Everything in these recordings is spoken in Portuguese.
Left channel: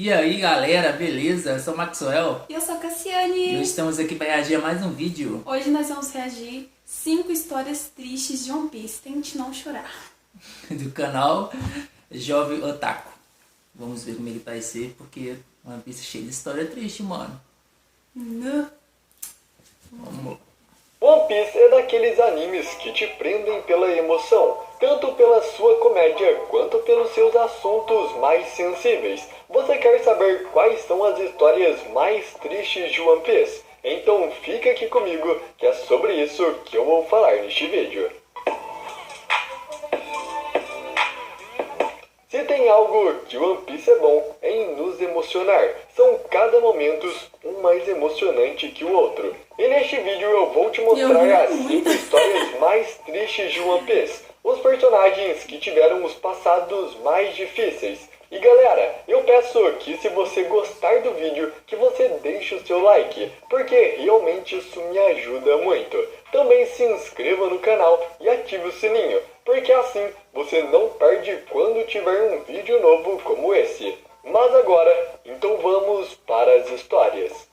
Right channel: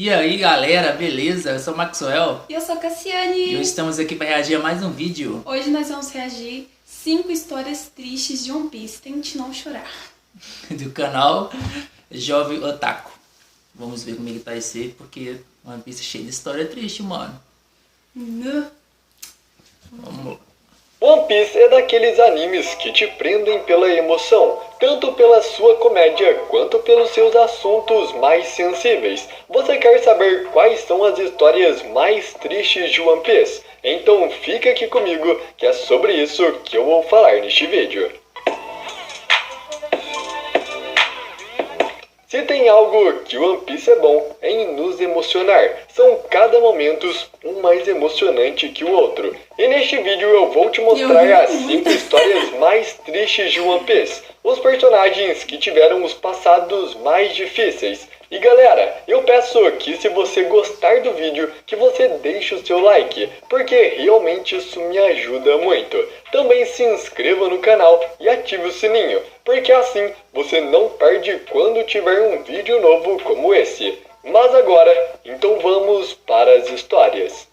E aí galera, beleza? Eu sou o Maxwell E eu sou a e hoje Cassiane. estamos aqui para reagir a mais um vídeo Hoje nós vamos reagir 5 histórias tristes de One Piece. Tente não chorar. do canal Jovem Otaku. Vamos ver como é que vai ser, porque One Piece é cheio de história triste, mano. Não. Vamos lá. One Piece é daqueles animes que te prendem pela emoção, tanto pela sua comédia quanto pelos seus assuntos mais sensíveis. Você quer saber quais são as histórias mais tristes de One Piece? Então fica aqui comigo que é sobre isso que eu vou falar neste vídeo. Se tem algo que One Piece é bom, é em nos emocionar. São cada momento um mais emocionante que o outro. E neste vídeo eu vou te mostrar as 5 histórias mais tristes de One Piece. Os personagens que tiveram os passados mais difíceis. E galera, eu peço que se você gostar do vídeo, que você deixe o seu like, porque realmente isso me ajuda muito. Também se inscreva no canal e ative o sininho, porque assim você não perde quando tiver um vídeo novo como esse. Mas agora, então vamos para as histórias.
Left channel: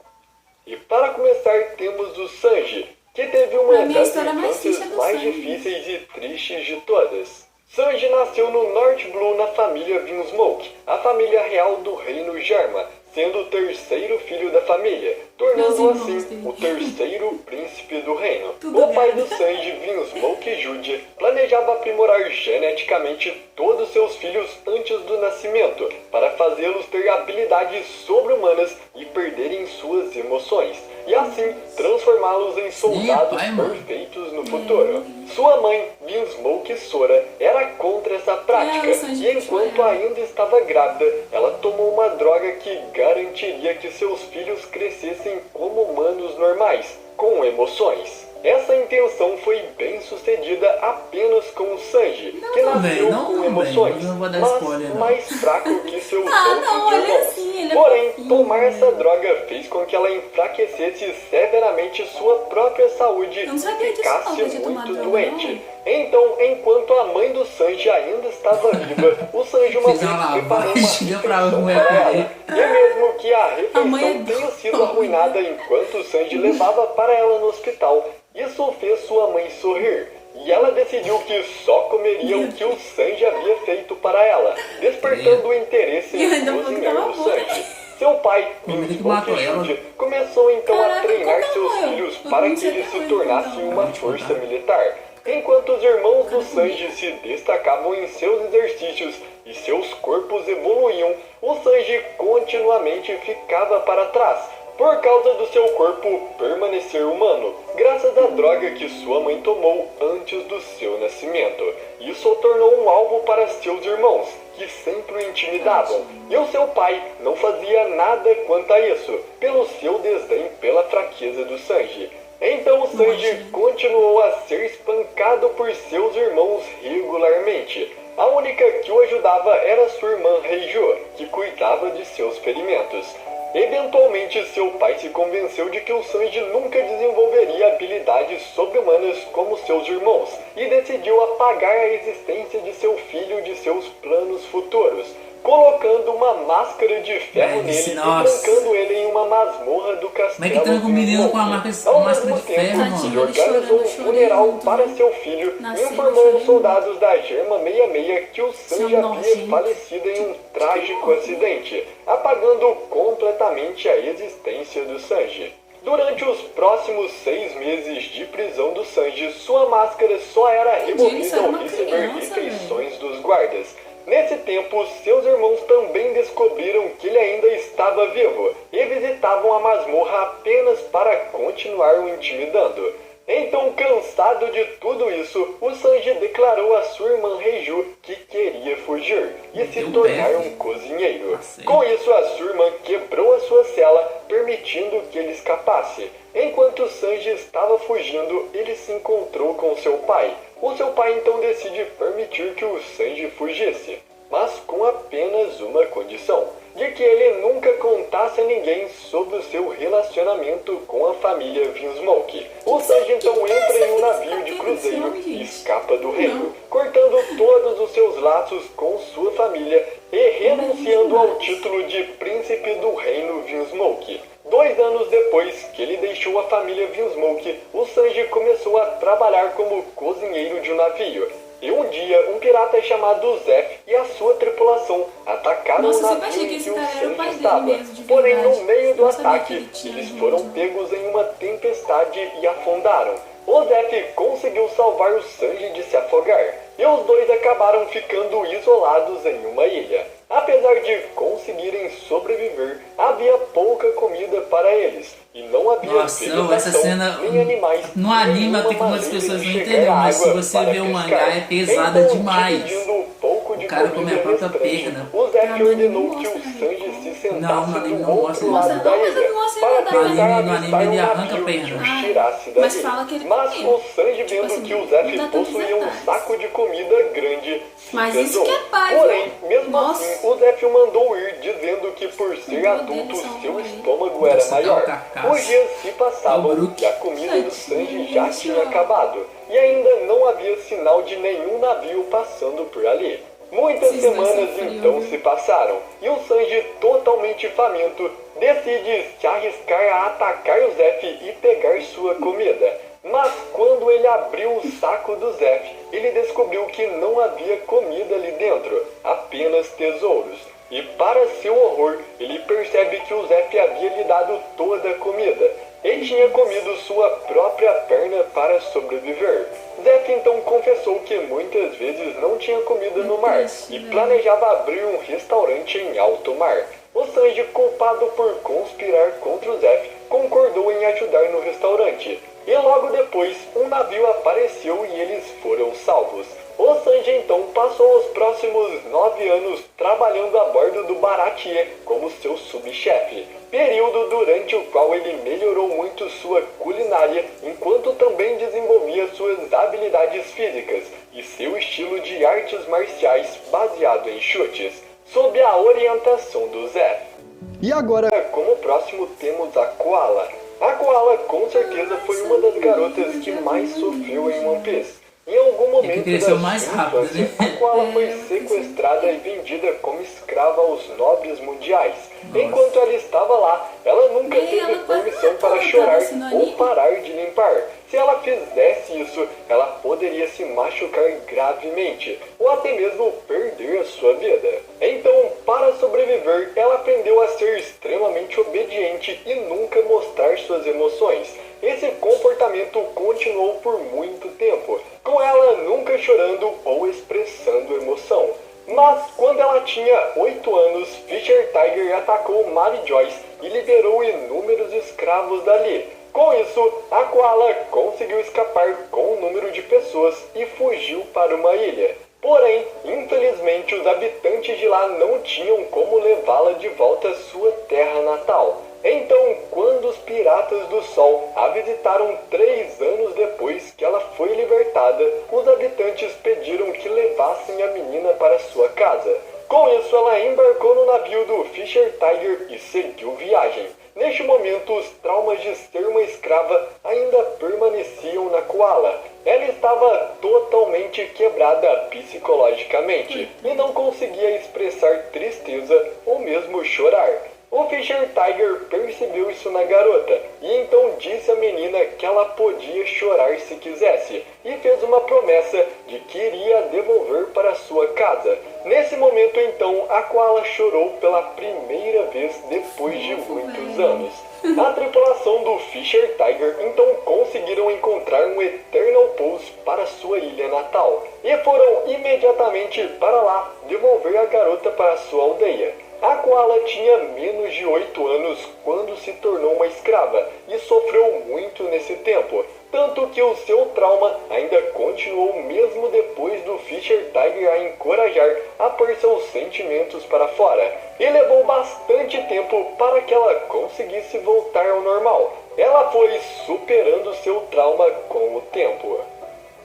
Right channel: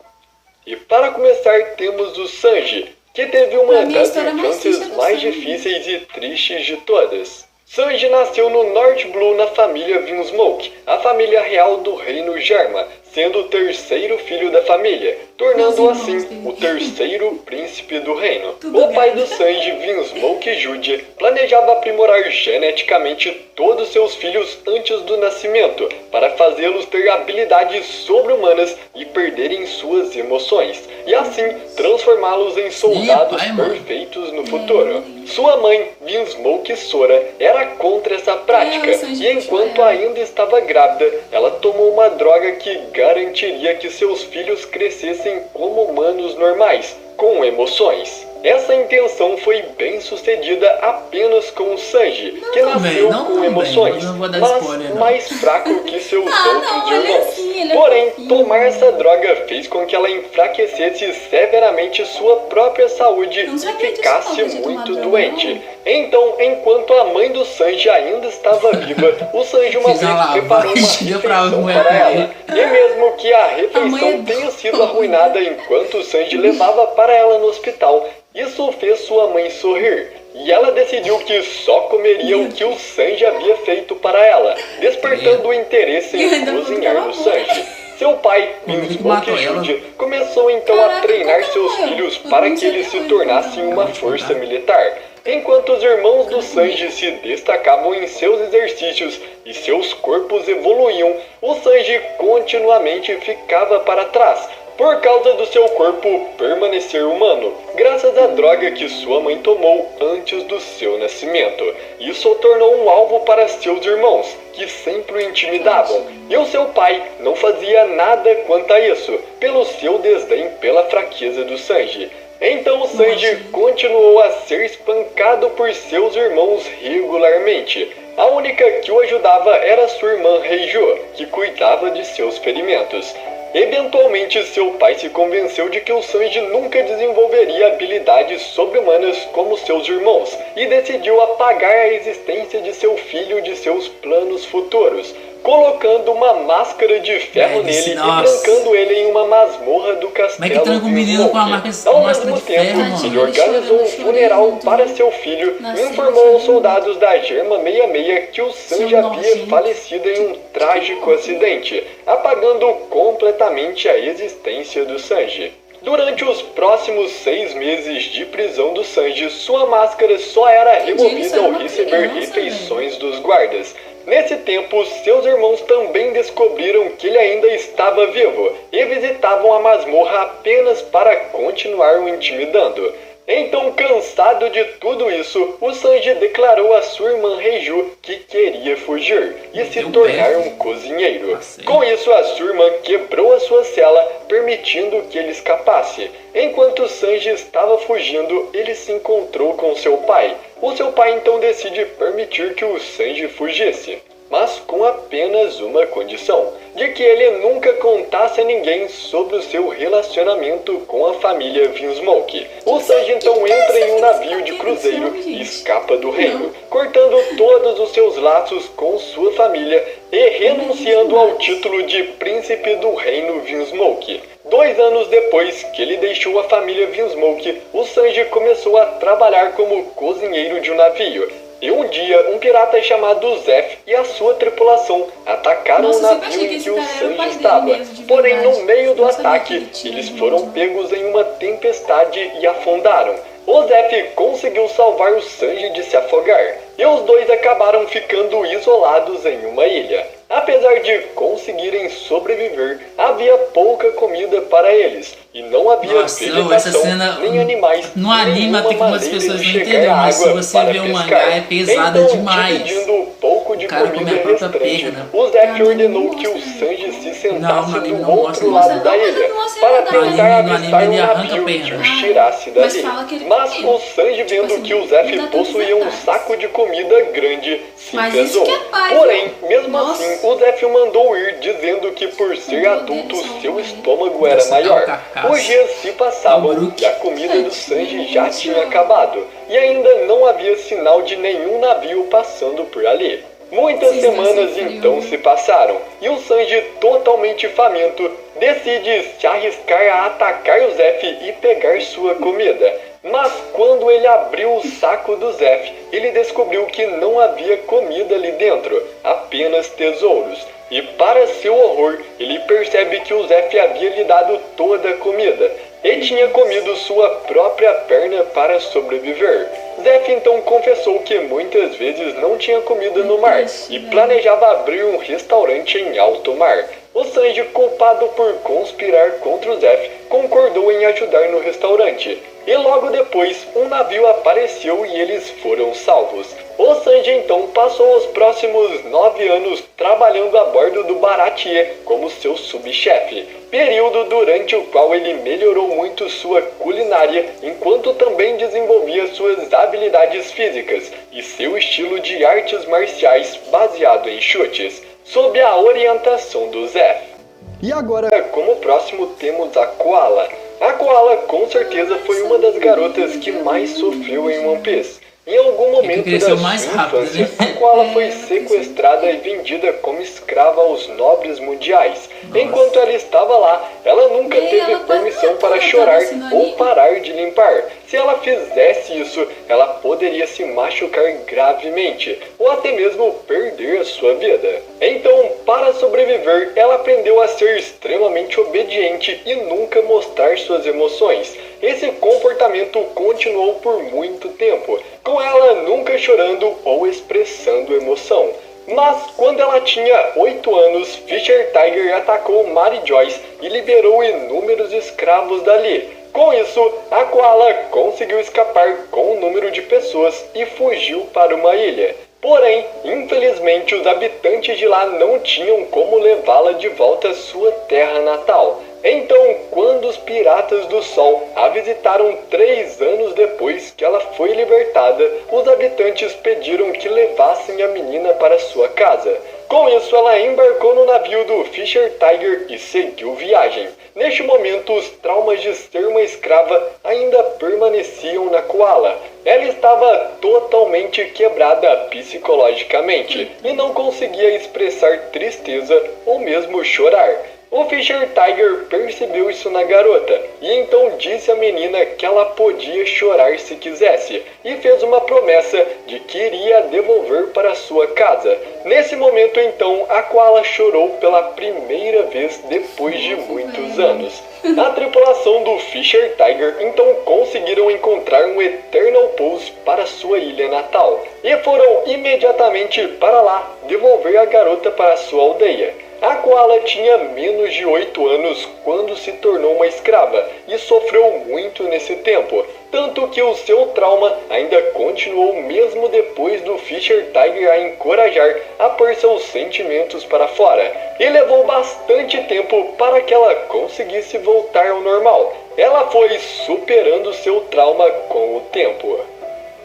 E para começar temos o Sanji, que teve uma das infâncias mais difíceis e tristes de todas. Sanji nasceu no North Blue na família Vinsmoke, a família real do reino Germa, sendo o terceiro filho da família, tornando assim o terceiro príncipe do reino. O pai do Sanji, Vinsmoke Jude, planejava aprimorar geneticamente todos seus filhos antes do nascimento, para fazê-los ter habilidades sobre-humanas e perderem suas emoções, e assim transformá-los em soldados perfeitos no futuro. Sua mãe, Vinsmoke Sora, era contra essa prática, e enquanto ainda estava grávida, ela tomou uma droga que garantiria que seus filhos crescessem como humanos normais, com emoções. Essa intenção foi bem sucedida apenas com o Sanji, que nasceu com emoções, mas mais fraco que seus outros irmãos. Porém, tomar essa droga fez com que ela enfraquecesse severamente sua própria saúde e ficasse muito doente. Então, enquanto a mãe do Sanji ainda estava viva, o Sanji uma vez preparou uma refeição para ela. E mesmo que a refeição tenha sido arruinada enquanto o Sanji levava para ela no hospital, isso fez sua mãe sorrir, e ela decidiu que só comeria o que o Sanji havia feito para ela, despertando o interesse em cozinhar no Sanji. Seu pai, Vinsmoke Jude, começou então a treinar seus filhos para que eles se tornassem uma força militar. Enquanto os irmãos do Sanji se destacavam em seus exercícios e seus corpos evoluíam, o Sanji continuamente ficava para trás, por causa do seu corpo permanecer humano, graças à droga que sua mãe tomou antes do seu nascimento. Isso o tornou um alvo para seus irmãos, que sempre o intimidavam, e o seu pai não fazia nada quanto a isso, pelo seu desdém pela fraqueza do Sanji. Então o Sanji continuou a ser espancado por seus irmãos regularmente. A única que o ajudava era sua irmã Heijo, que cuidava de seus ferimentos. Eventualmente, seu pai se convenceu de que o Sanji nunca desenvolveria habilidades sobre-humanas como seus irmãos, e decidiu apagar a existência de seu filho de seus planos futuros, colocando uma máscara de ferro nele e trancando ele em uma masmorra do castelo. Como é que tranca um menino com a máscara de ferro, mano? Ele organizou um funeral para seu filho e informou aos soldados da Germa 66 que o Sanji havia falecido em um trágico acidente, apagando completamente a existência do Sanji. Durante os próximos 6 meses de prisão do Sanji, sua máscara só era removida ao receber refeições dos guardas. Nesse tempo, seus irmãos também descobriram que ele ainda estava vivo e visitavam a masmorra apenas para continuar o intimidando. Então, cansado de tudo isso, o Sanji declarou a sua irmã Reiju que queria fugir e se tornar um cozinheiro. Com isso, a sua irmã quebrou a sua cela, permitindo que ele escapasse. Enquanto Sanji estava fugindo, ele se encontrou com seu pai. O seu pai então decide permitir que o Sanji fugisse. mas com apenas uma condição: de que ele nunca contasse a ninguém sobre o seu relacionamento com a família Vinsmoke. O Sanji então entra em um navio de cruzeiro e escapa do reino, cortando todos os seus laços com sua família e renunciando ao título de príncipe do reino Vinsmoke. 2 anos depois que ele deixou a família Vinsmoke, o Sanji começou a trabalhar como cozinheiro de um navio. E um dia, um pirata chamado Zef e a sua tripulação atacaram o navio em que o Sanji estava. Porém, no meio do ataque, eles foram pegos em uma tempestade e afundaram. O Zef conseguiu salvar o Sanji de se afogar, e os dois acabaram ficando isolados em uma ilha. Apesar de conseguirem sobreviver, havia pouca comida para eles, e não havia vegetação, essa cena nem animais. No anime até que muitas pessoas não entenderam, mas se você ver o mangá é pesada então, demais. O cara come a própria perna. O Zef ordenou que o Sanji se sentasse do outro lado da ilha para tentar avistar um navio que o tirasse dali. Mas o Sanji, vendo que o Zef possuía um saco de comida grande, se pesou. Porém, mesmo assim, o Zef o mandou ir, dizendo que por ser adulto, seu estômago era maior. Os dias se passavam e a comida do Sanji já tinha acabado, e ainda não havia sinal de nenhum navio passando por ali. Muitas semanas então se passaram, e o Sanji, totalmente faminto, decide se arriscar a atacar o Zef e pegar sua comida. Mas quando ele abriu o saco do Zef, ele descobriu que não havia comida ali dentro, apenas tesouros. E para seu horror, ele percebe que o Zef havia lhe dado toda a comida e tinha comido sua própria perna para sobreviver. Zef então confessou que muitas vezes não tinha comida no mar e planejava abrir um restaurante em alto mar. O Sanji, culpado por conspirar contra o Zef, concordou em ajudar no restaurante. E logo depois, um navio apareceu e eles foram salvos. O Sanji então passou os próximos 9 anos trabalhando a bordo do Baratie como seu subchefe, período durante o qual ele melhorou muito sua culinária, enquanto também desenvolvia suas habilidades físicas e seu estilo de artes marciais baseado em chutes, sob a orientação do Zef. E agora, como próximo, temos a Koala. A Koala com certeza foi uma das garotas que mais sofreu em One Piece. Em algum momento da sua infância, a Koala foi sequestrada e vendida como escrava aos nobres mundiais. Enquanto ela estava lá, ela nunca teve permissão para chorar ou parar de limpar. Se ela fizesse isso, ela poderia se machucar gravemente, ou até mesmo perder a sua vida. Então, para sobreviver, ela aprendeu a ser extremamente obediente e nunca mostrar suas emoções. Esse comportamento continuou por muito tempo, com ela nunca chorando ou expressando emoção. Mas quando ela tinha 8 anos, Fisher Tiger atacou Mary Joyce e liberou inúmeros escravos dali. Com isso, a Koala conseguiu escapar com um número de pessoas e fugiu para uma ilha. Porém, infelizmente, os habitantes de lá não tinham como levá-la de volta à sua terra natal. Então, quando os Piratas do Sol a visitaram 3 anos depois que ela foi libertada, os habitantes pediram que levassem a menina para sua casa. Com isso, ela embarcou no navio do Fisher Tiger e seguiu viagem. Neste momento, os traumas de ser uma escrava ainda permaneciam na Koala. Ela estava totalmente quebrada psicologicamente e não conseguia expressar tristeza ou mesmo chorar. O Fisher Tiger percebeu isso na garota e então disse à menina que ela podia chorar se quisesse e fez uma promessa de que iria devolver para sua casa. Nesse momento então, a Koala chorou pela primeira vez depois de muitos anos. A tripulação do Fisher Tiger então conseguiram encontrar um Eternal Pulse para sua ilha natal e foram imediatamente para lá devolver a garota para sua aldeia. A Koala tinha menos de 8 anos quando se tornou uma escrava e sofreu muito nesse tempo, tanto que o seu trauma ainda continuou mesmo depois do Fisher Tiger a encorajar a pôr seus sentimentos para fora, e levou bastante tempo para que ela conseguisse voltar ao normal. Ela foi superando seu trauma com o tempo.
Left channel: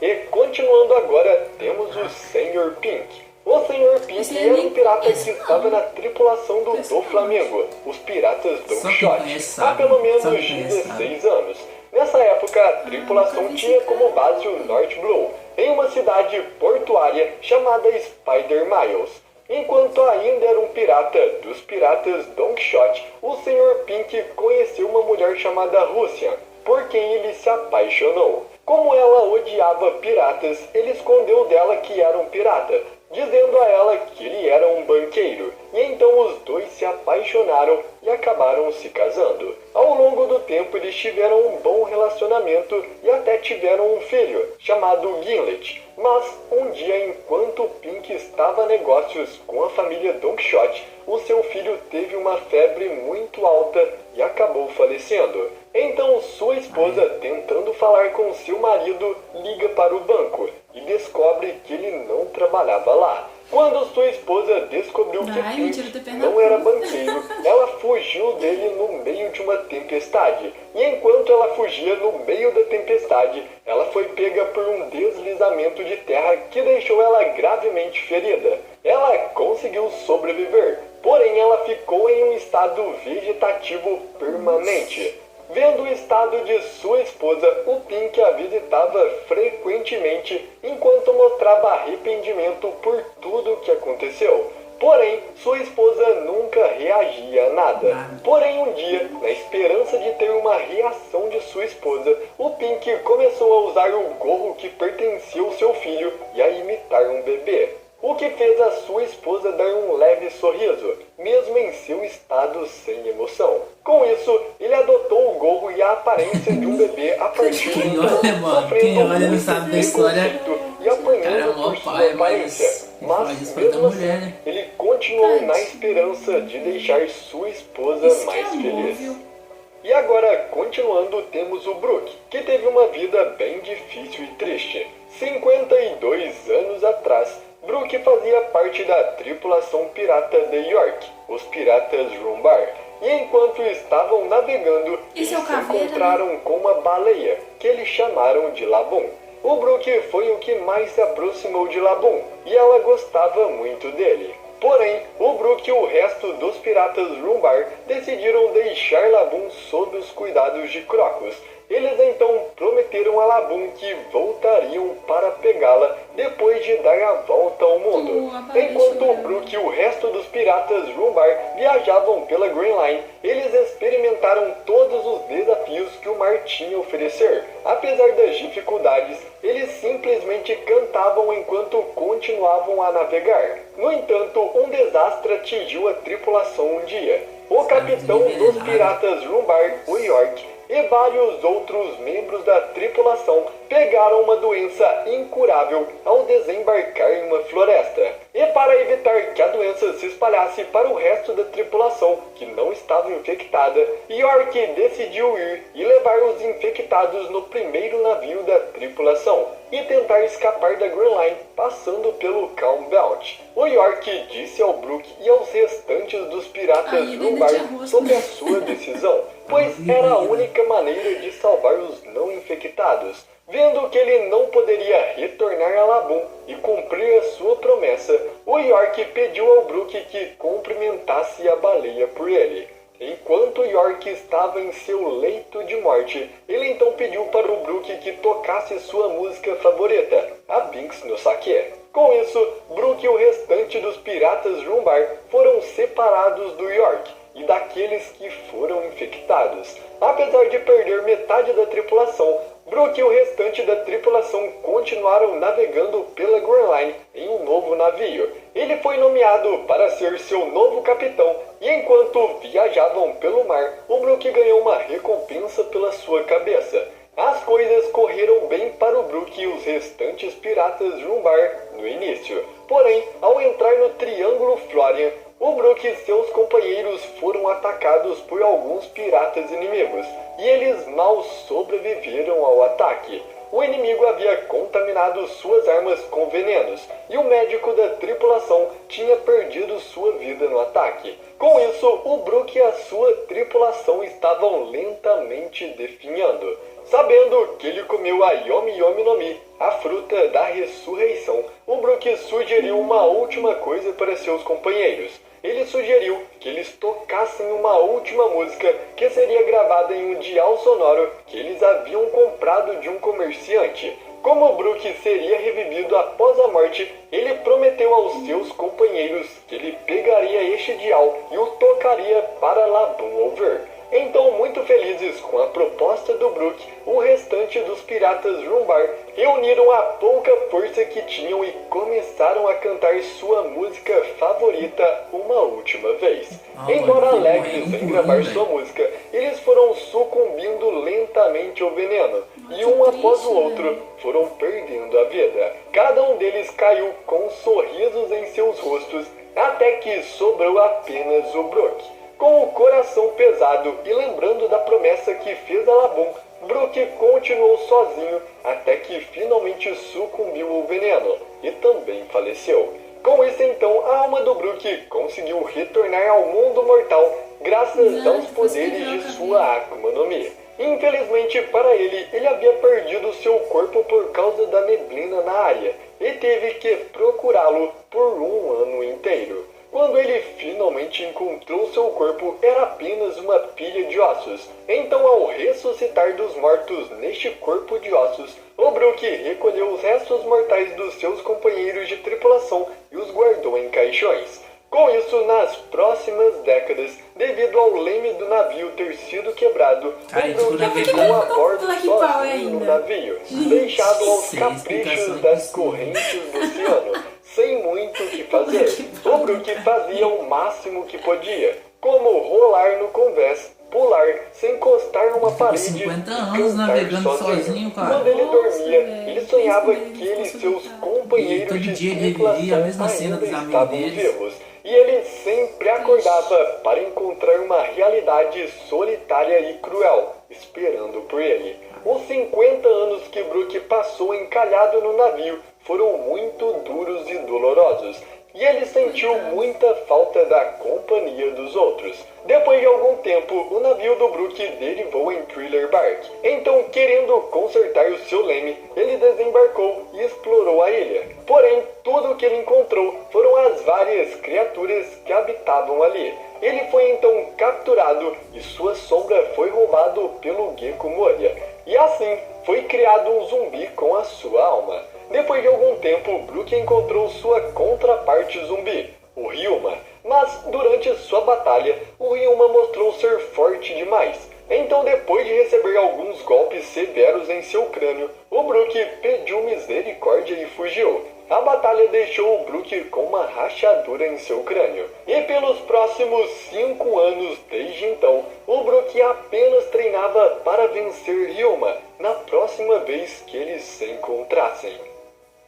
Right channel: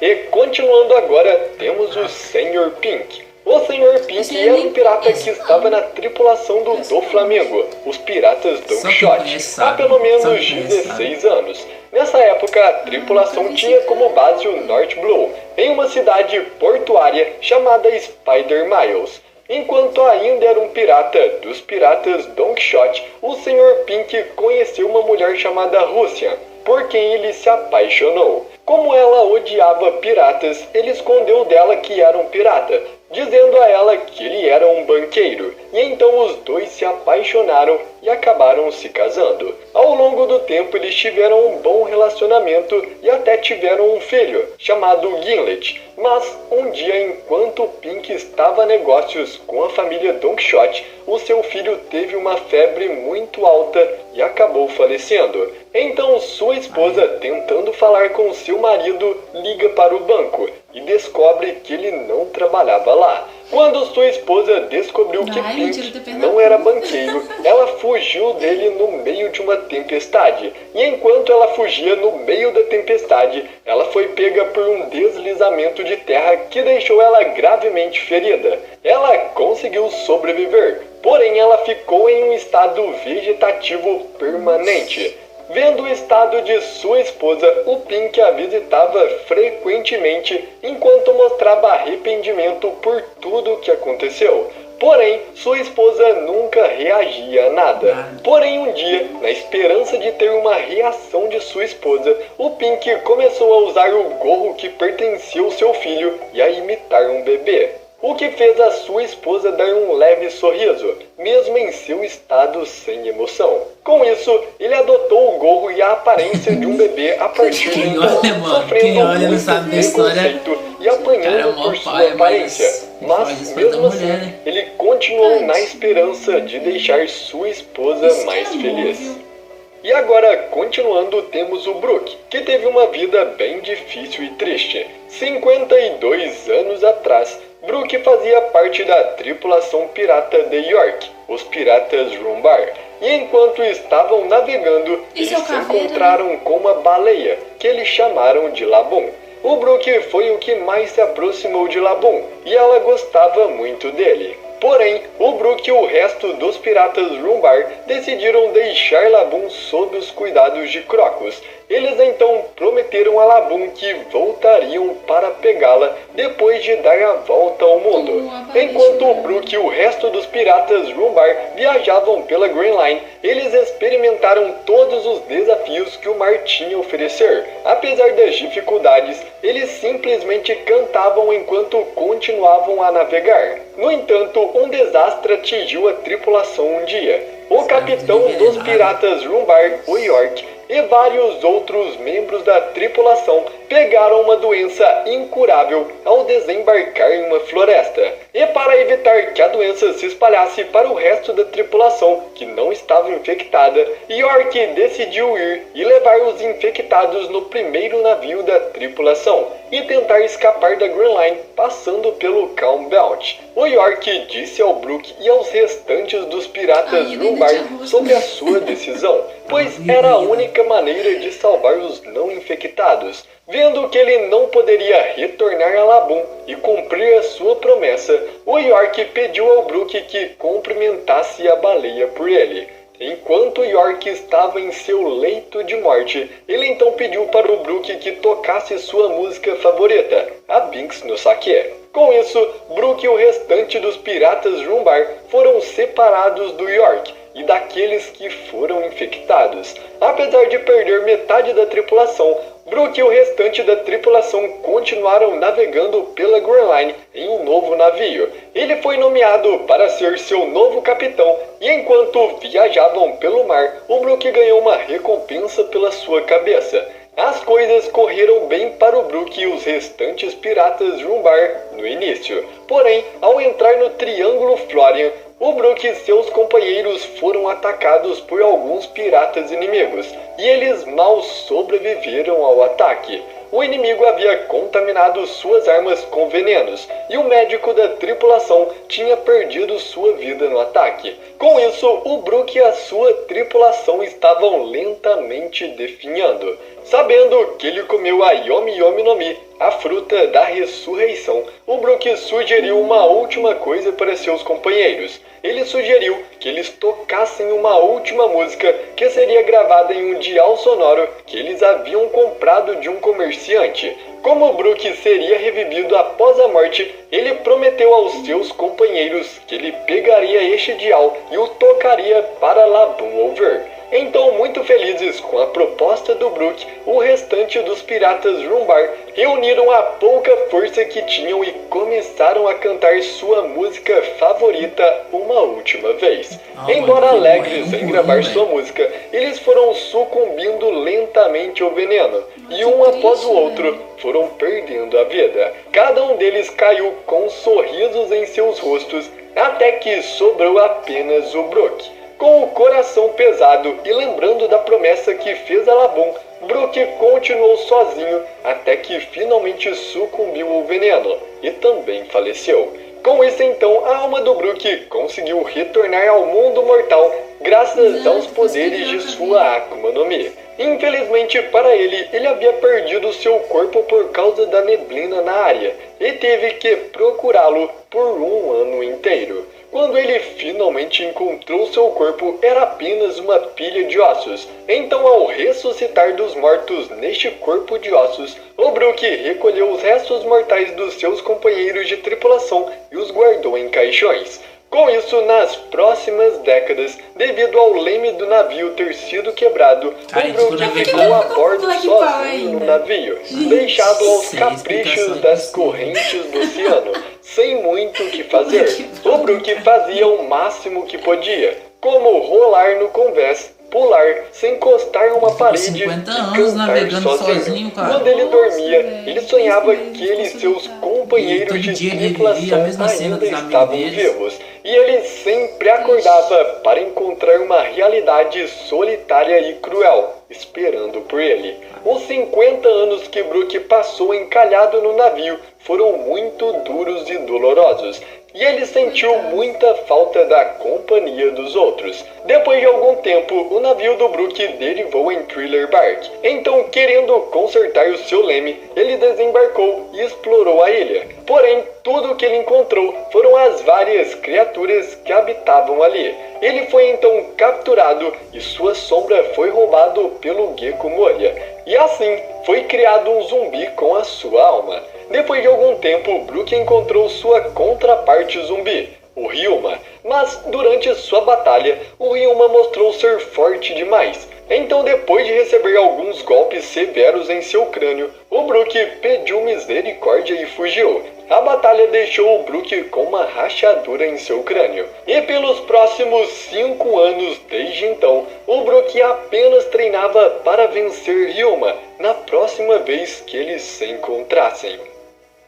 E continuando agora, temos o Sr. Pink. O Sr. Pink era um pirata que estava na tripulação do Flamengo, os piratas Dongshot, há pelo menos 16 anos. Nessa época, a tripulação tinha como base o North Blue, em uma cidade portuária chamada Spider Miles. Enquanto ainda era um pirata dos piratas Dongshot, o Sr. Pink conheceu uma mulher chamada Russian, por quem ele se apaixonou. Como ela odiava piratas, ele escondeu dela que era um pirata, dizendo a ela que ele era um banqueiro. E então os dois se apaixonaram e acabaram se casando. Ao longo do tempo eles tiveram um bom relacionamento e até tiveram um filho, chamado Gimlet. Mas um dia, enquanto Pink estava a negócios com a família Dongshot, o seu filho teve uma febre muito alta e acabou falecendo. Então sua esposa, tentando falar com seu marido, liga para o banco e descobre que ele não trabalhava lá. Quando sua esposa descobriu que Pink não era banqueiro, ela fugiu dele no meio de uma tempestade. E enquanto ela fugia no meio da tempestade, ela foi pega por um deslizamento de terra que deixou ela gravemente ferida. Ela conseguiu sobreviver, porém ela ficou em um estado vegetativo permanente. Vendo o estado de sua esposa, o Pink a visitava frequentemente enquanto mostrava arrependimento por tudo o que aconteceu. Porém, sua esposa nunca reagia a nada. Porém, um dia, na esperança de ter uma reação de sua esposa, o Pink começou a usar o gorro que pertencia ao seu filho e a imitar um bebê. O que fez a sua esposa dar um leve sorriso, mesmo em seu estado sem emoção. Com isso, ele adotou o gorro e a aparência de um bebê a partir de então, quem olha não sabe da história, e apanhando por sua aparência. Mas, mesmo assim, ele continuou na esperança de deixar sua esposa mais feliz. E agora, continuando, temos o Brook, que teve uma vida bem difícil e triste. 52 anos atrás, Brook fazia parte da tripulação pirata de York, os piratas Rumbar. E enquanto estavam navegando, eles se encontraram com uma baleia, que eles chamaram de Laboon. O Brook foi o que mais se aproximou de Laboon, e ela gostava muito dele. Porém, o Brook e o resto dos piratas Rumbar decidiram deixar Laboon sob os cuidados de Crocus. Eles então prometeram a Laboon que voltariam para pegá-la depois de dar a volta ao mundo. Enquanto o Brook e o resto dos piratas Rumbar viajavam pela Grand Line, eles experimentaram todos os desafios que o mar tinha a oferecer. Apesar das dificuldades, eles simplesmente cantavam enquanto continuavam a navegar. No entanto, um desastre atingiu a tripulação um dia. O capitão dos piratas Rumbar, o York, e vários outros membros da tripulação pegaram uma doença incurável ao desembarcar em uma floresta. E para evitar que a doença se espalhasse para o resto da tripulação, que não estava infectada, York decidiu ir e levar os infectados no primeiro navio da tripulação e tentar escapar da Grand Line passando pelo Calm Belt. O York disse ao Brook e aos restantes dos piratas Rumbar sobre a sua decisão, pois era a única maneira de salvar os não infectados. Vendo que ele não poderia retornar a Laboon e cumprir a sua promessa, o York pediu ao Brook que cumprimentasse a baleia por ele. Enquanto York estava em seu leito de morte, ele então pediu para o Brook que tocasse sua música favorita, a Binks no Saque. Com isso, Brook e o restante dos piratas Rumbar foram separados do York e daqueles que foram infectados. Apesar de perder metade da tripulação, Brook e o restante da tripulação continuaram navegando pela Grand Line em um novo navio. Ele foi nomeado para ser seu novo capitão e enquanto viajavam pelo mar, o Brook ganhou uma recompensa pela sua cabeça. As coisas correram bem para o Brook e os restantes piratas Rumbar no início. Porém, ao entrar no Triângulo Florian, o Brook e seus companheiros foram atacados por alguns piratas inimigos, e eles mal sobreviveram ao ataque. o inimigo havia contaminado suas armas com venenos e o médico da tripulação tinha perdido sua vida no ataque. Com isso, o Brook e a sua tripulação estavam lentamente definhando. Sabendo que ele comeu a Yomi Yomi no Mi, a fruta da ressurreição, o Brook sugeriu uma última coisa para seus companheiros. Ele sugeriu que eles tocassem uma última música que seria gravada em um dial sonoro que eles haviam comprado de um comerciante. Como o Brook seria revivido após a morte, ele prometeu aos seus companheiros que ele pegaria este dial e o tocaria para Laboon ouvir. Então, muito felizes com a proposta do Brook, o restante dos piratas Rumbar reuniram a pouca força que tinham e começaram a cantar sua música favorita uma última vez. Embora alegres em gravar sua música, eles foram sucumbindo lentamente ao veneno, e um após o outro foram perdendo a vida. Cada um deles caiu com sorrisos em seus rostos, até que sobrou apenas o Brook. Com o coração pesado e lembrando da promessa que fez a Laboon, Brook continuou sozinho até que finalmente sucumbiu ao veneno e também faleceu. Com isso então, a alma do Brook conseguiu retornar ao mundo mortal graças aos poderes de sua Akuma no Mi. Infelizmente para ele, ele havia perdido seu corpo por causa da neblina na área e teve que procurá-lo por um ano inteiro. Quando ele finalmente encontrou seu corpo, era apenas uma pilha de ossos. Então, ao ressuscitar dos mortos neste corpo de ossos, o Brook recolheu os restos mortais dos seus companheiros de tripulação e os guardou em caixões. Com isso, nas próximas décadas, devido ao leme do navio ter sido quebrado, o Brook ficou a bordo sozinho no navio, deixado aos caprichos das correntes do oceano, sem muito o que fazer. O Brook fazia o máximo que podia, como rolar no convés, pular, se encostar numa parede 50 e anos cantar navegando sozinho, cara. Quando ele dormia, ele sonhava que ele e seus companheiros de dia ele tripulação vivia a mesma cena ainda dos amigos estavam deles. vivos. E ele sempre acordava para encontrar uma realidade solitária e cruel, esperando por ele. Os 50 anos que Brook passou encalhado no navio foram muito duros e dolorosos. E ele sentiu muita falta da companhia dos outros. Depois de algum tempo, o navio do Brook derivou em Thriller Bark. Então, querendo consertar o seu leme, ele desembarcou e explorou a ilha. Porém, tudo o que ele encontrou foram as várias criaturas que habitavam ali. Ele foi então capturado e sua sombra foi roubado pelo Gecko Moria. E assim, foi criado um zumbi com a sua alma. Depois de algum tempo, Brook encontrou sua contraparte zumbi, o Ryuma. Mas durante sua batalha, o Ryuma mostrou ser forte demais. Então, depois de receber alguns golpes severos em seu crânio, o Brook pediu misericórdia e fugiu. A batalha deixou o Brook com uma rachadura em seu crânio. E pelos próximos 5 anos desde então, o Brook apenas treinava para vencer Ryuma na próxima vez que eles se encontrassem.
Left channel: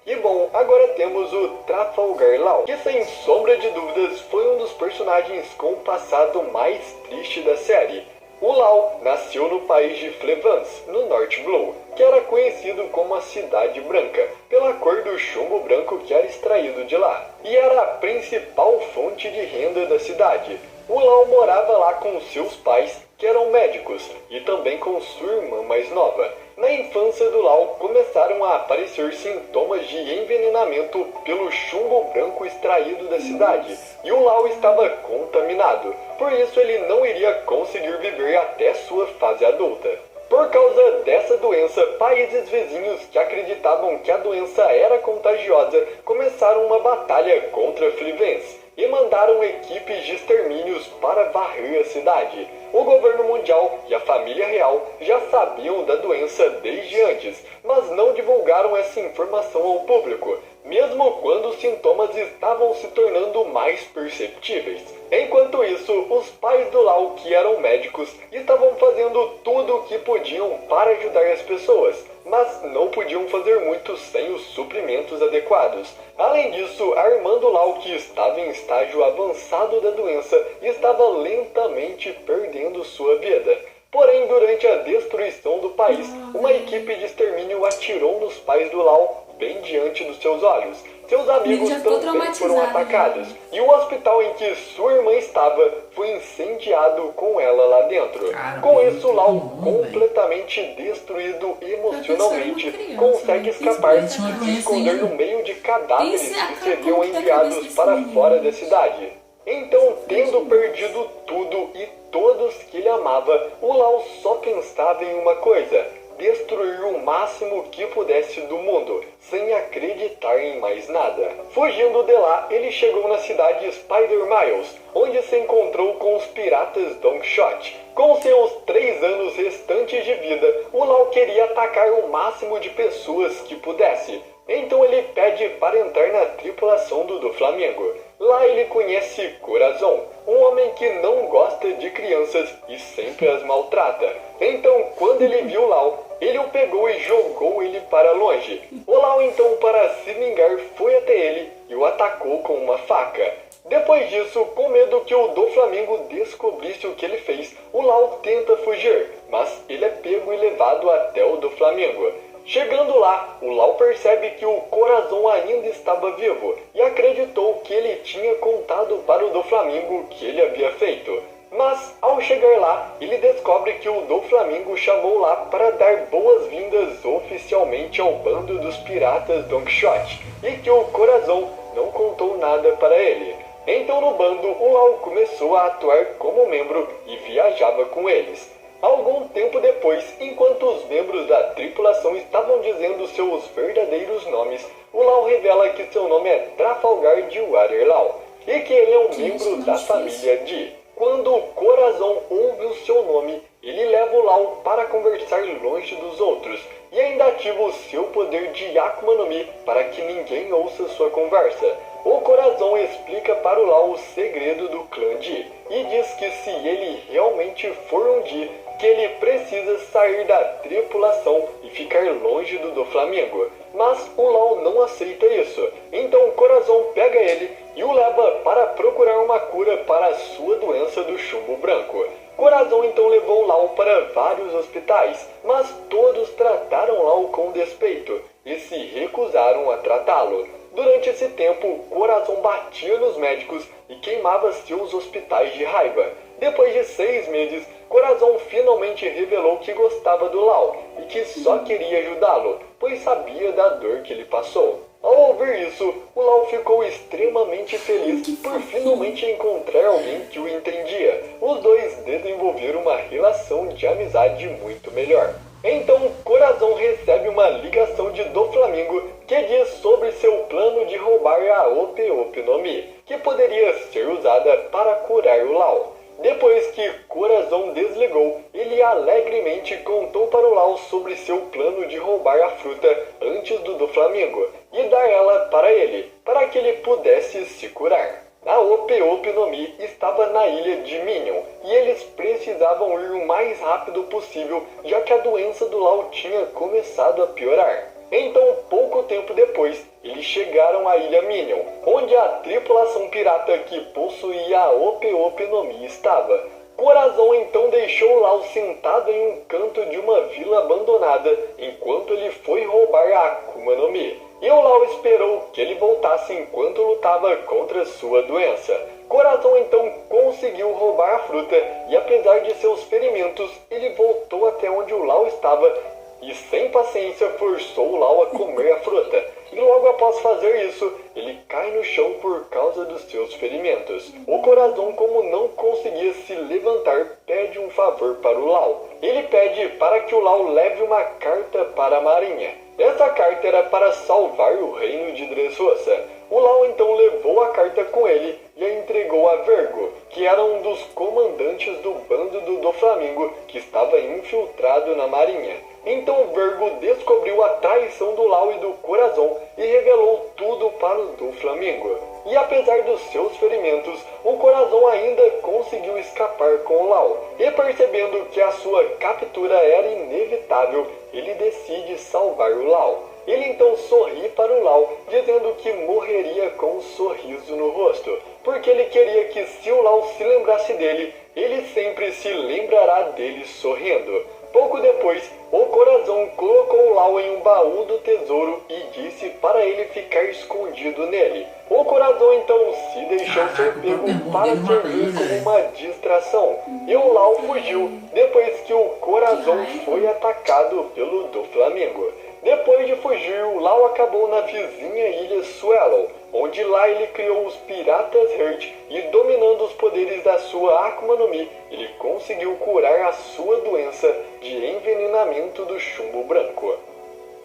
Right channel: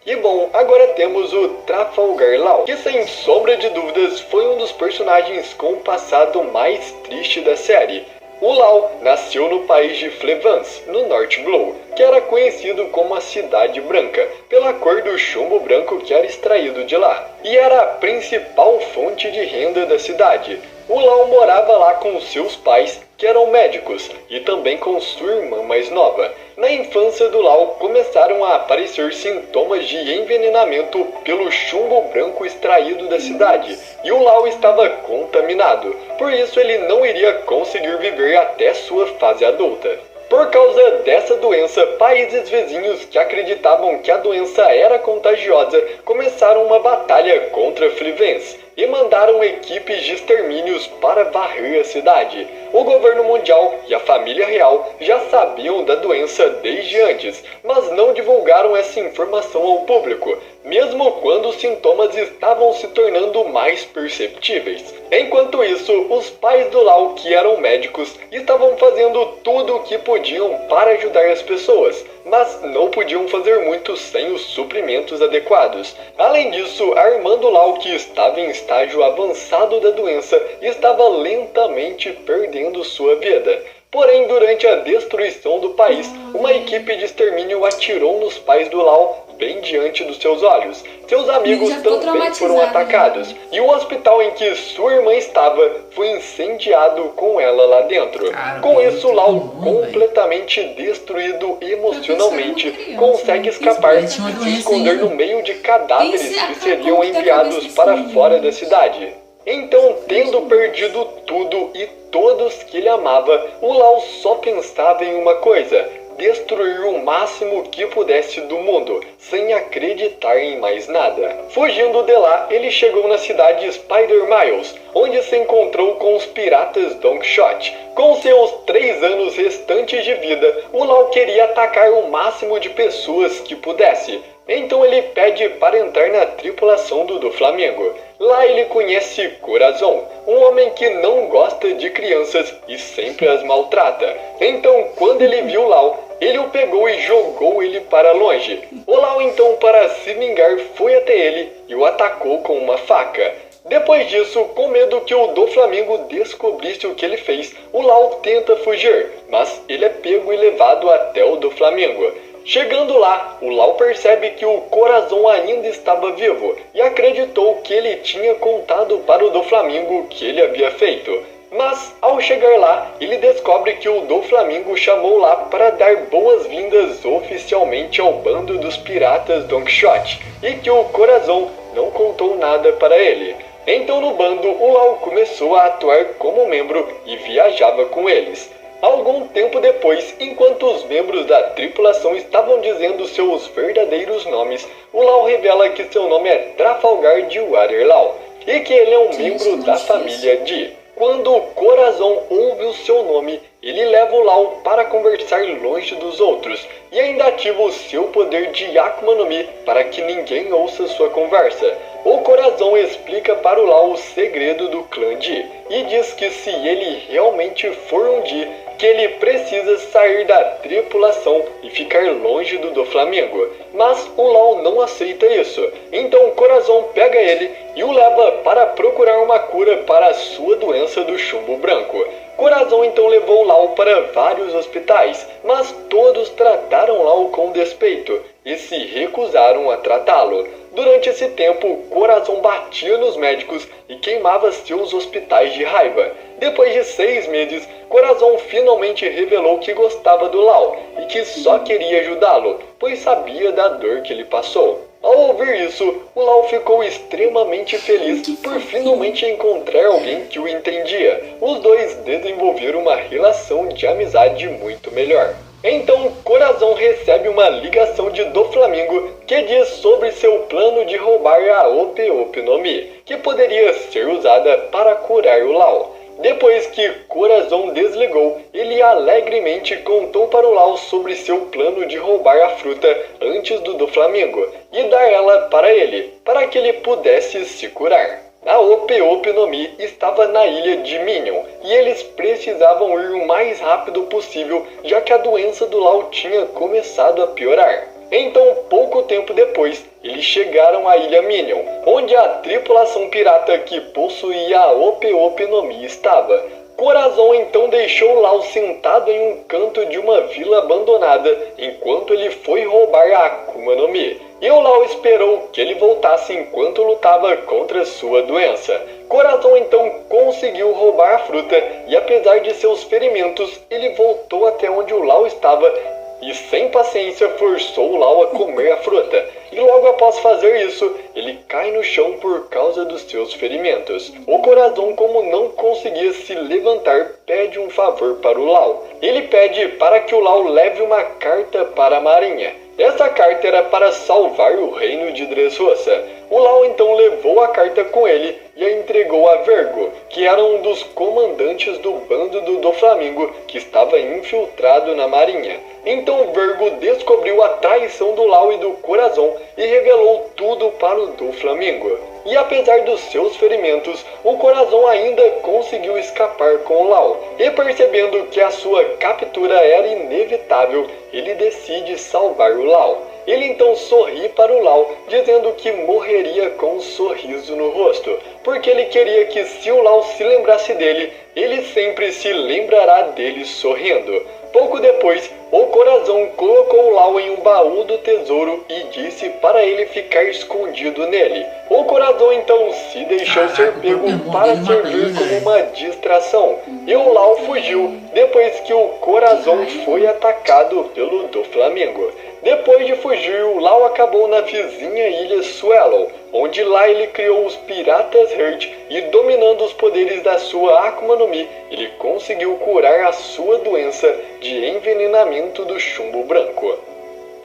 E bom, agora temos o Trafalgar Law, que sem sombra de dúvidas foi um dos personagens com o passado mais triste da série. O Law nasceu no país de Flevance, no North Glow, que era conhecido como a Cidade Branca, pela cor do chumbo branco que era extraído de lá, e era a principal fonte de renda da cidade. O Law morava lá com seus pais, que eram médicos, e também com sua irmã mais nova. Na infância do Law, começaram a aparecer sintomas de envenenamento pelo chumbo branco extraído da cidade, e o Law estava contaminado. Por isso ele não iria conseguir viver até sua fase adulta. Por causa dessa doença, países vizinhos que acreditavam que a doença era contagiosa começaram uma batalha contra Flevance e mandaram equipes de extermínios para varrer a cidade. O governo mundial e a família real já sabiam da doença desde antes, mas não divulgaram essa informação ao público, mesmo quando os sintomas estavam se tornando mais perceptíveis. Enquanto isso, os pais do Law, que eram médicos, estavam fazendo tudo o que podiam para ajudar as pessoas, mas não podiam fazer muito sem os suprimentos adequados. Além disso, a irmã do Law, que estava em estágio avançado da doença, estava lentamente perdendo sua vida. Porém, durante a destruição do país, uma equipe de extermínio atirou nos pais do Lau bem diante dos seus olhos. Seus amigos também foram atacados, e o hospital em que sua irmã estava foi incendiado com ela lá dentro. Com isso, Lau, completamente destruído emocionalmente, consegue escapar e se esconder no meio de cadáveres que seriam enviados para fora da cidade. Então, tendo perdido tudo e todos que ele amava, o Lau só pensava em uma coisa: destruir o máximo que pudesse do mundo, sem acreditar em mais nada. Fugindo de lá, ele chegou na cidade Spider Miles, onde se encontrou com os piratas Don Quixote. Com seus 3 anos restantes de vida, o Lau queria atacar o máximo de pessoas que pudesse. Então ele pede para entrar na tripulação do Doflamingo. Lá ele conhece Corazon, um homem que não gosta de crianças e sempre as maltrata. Então, quando ele viu Lau, ele o pegou e jogou ele para longe. O Lau, então, para se vingar, foi até ele e o atacou com uma faca. Depois disso, com medo que o Doflamingo descobrisse o que ele fez, o Lau tenta fugir, mas ele é pego e levado até o Doflamingo. Chegando lá, o Lau percebe que o Corazon ainda estava vivo e acreditou que ele tinha contado para o Doflamingo o que ele havia feito. Mas, ao chegar lá, ele descobre que o Doflamingo chamou lá para dar boas-vindas oficialmente ao bando dos piratas Don Quixote e que o Corazon não contou nada para ele. Então, no bando, o Lau começou a atuar como membro e viajava com eles. Algum tempo depois, enquanto os membros da tripulação estavam dizendo seus verdadeiros nomes, o Lau revela que seu nome é Trafalgar de Waterlau e que ele é um membro da família Di. Quando o Corazon ouve o seu nome, ele leva o Lau para conversar longe dos outros e ainda ativa o seu poder de Akuma no Mi para que ninguém ouça sua conversa. O Corazon explica para o Lau o segredo do clã Di e diz que se ele realmente for um Di, que ele precisa sair da tripulação e ficar longe do Doflamingo. Mas o Lau não aceita isso. Então o Corazon pega ele e o leva para procurar uma cura para a sua doença do chumbo branco. Corazon então levou Lau para vários hospitais, mas todos trataram Lau com despeito e se recusaram a tratá-lo. Durante esse tempo, Corazon batia nos médicos e queimava seus hospitais de raiva. Depois de 6 meses, Corazon finalmente revelou que gostava do Lau e que só queria ajudá-lo, pois sabia da dor que ele passou. Ao ouvir isso, o Lau ficou extremamente feliz por finalmente encontrar alguém que o entendia. Os dois desenvolveram uma relação de amizade muito melhor. Então, Corazon recebe uma ligação de Doflamingo que diz sobre seu plano de roubar a Ope Ope no Mi, que poderia ser usada para curar o Lau. Depois que Corazon desligou, ele alegremente contou para o Lau sobre seu plano de roubar a fruta antes do Doflamingo e dar ela para ele, para que ele pudesse se curar. A Ope Ope no Mi estava na ilha de Minion e eles precisavam ir o mais rápido possível, já que a doença do Lau tinha começado a piorar. Então, pouco tempo depois, eles chegaram à ilha Minion, onde a tripulação pirata que possuía a Ope Ope no Mi estava. Corazon então deixou Lau sentado em um canto de uma vila abandonada, enquanto ele foi roubar a Akuma no Mi. E o Lau esperou que ele voltasse enquanto lutava contra sua doença. Corazon então conseguiu roubar a fruta e, apesar de seus ferimentos, ele voltou até onde o Lau estava e, sem paciência, forçou o Lau a comer a fruta. E logo após fazer isso, ele cai no chão por causa dos seus ferimentos. O Corazon, como não conseguia se levantar, pede um favor para o Lau. Ele pede para que o Lau leve uma carta para a marinha. Essa carta era para salvar o reino de Dressrosa. O Lau então levou a carta com ele e a entregou a Vergo, que era um dos comandantes do bando do Doflamingo que estava infiltrado na marinha. Então Vergo descobriu a traição do Lau e do Corazon e revelou tudo para o Doflamingo. E apesar dos seus ferimentos, o Corazon ainda conseguiu escapar com o Lau. E percebendo que a sua captura era inevitável, ele decide salvar o Lau. Ele então sorri para o Lau, dizendo que morreria com um sorriso no rosto. porque ele queria que se o Lau se lembrasse dele, ele sempre se lembrará dele sorrindo. Pouco depois, o Corazon colocou o Lau em um baú do tesouro e disse para ele ficar escondido nele. O Corazon então se deixou ser pego para servir como uma distração, e o Lau fugiu depois que o Corazon foi atacado pelo Doflamingo. Depois de fugir, o Lau acabou na vizinha ilha Swallow, onde lá ele criou os Piratas Heart e, dominando os poderes da sua Akuma no Mi, ele conseguiu curar a sua doença de envenenamento do chumbo branco.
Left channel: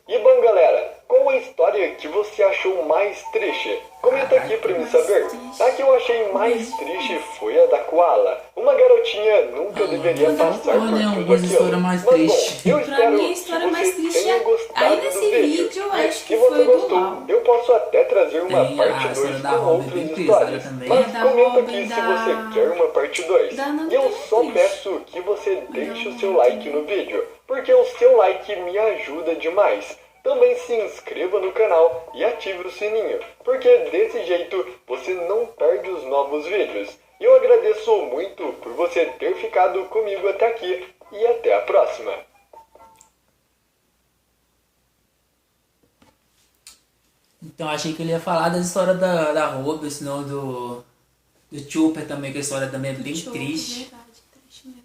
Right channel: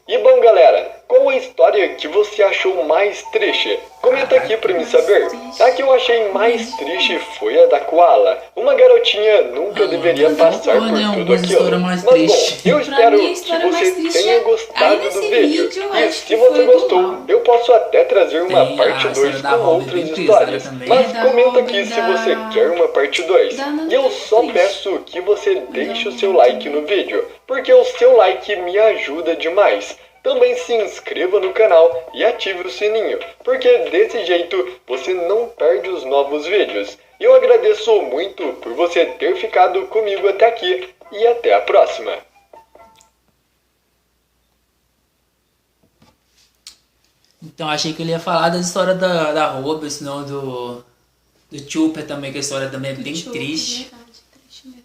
E bom, galera, qual a história que você achou mais triste? Comenta aqui pra me saber. A que eu achei mais triste foi a da Koala. Uma garotinha nunca deveria passar por tudo aquilo. Mas bom, eu espero que você tenha gostado do vídeo. E se você gostou, eu posso até trazer uma parte 2 com outras histórias. Mas comenta aqui se você quer uma parte 2. E eu só peço que você deixe o seu like no vídeo, porque o seu like me ajuda demais. Também se inscreva no canal e ative o sininho, porque desse jeito você não perde os novos vídeos. E eu agradeço muito por você ter ficado comigo até aqui e até a próxima. Então achei que ele ia falar da história da Robin, senão do Chopper também, que a história também é bem triste. Verdade, triste mesmo.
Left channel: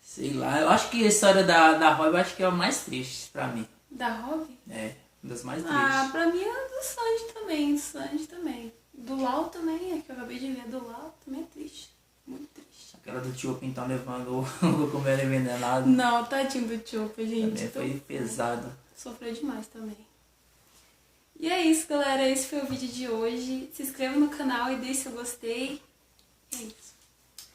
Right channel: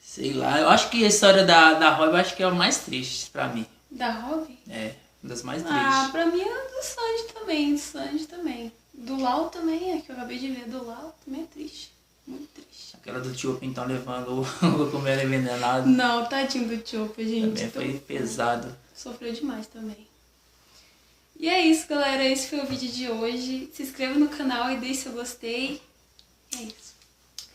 Sei lá, eu acho que a história da Robin acho que é a mais triste pra mim. Da Robin? É, uma das mais Ah, tristes. pra mim é do Sanji também. Do Lau também, é que eu acabei de ver. Do Lau também é triste. Muito triste. Aquela do Chopper então levando o Cogumelo envenenado. Não, tadinho do Chopper, gente. Também foi pesado. Sofreu demais também. E é isso, galera. Esse foi o vídeo de hoje. Se inscreva no canal e deixe seu gostei. É isso.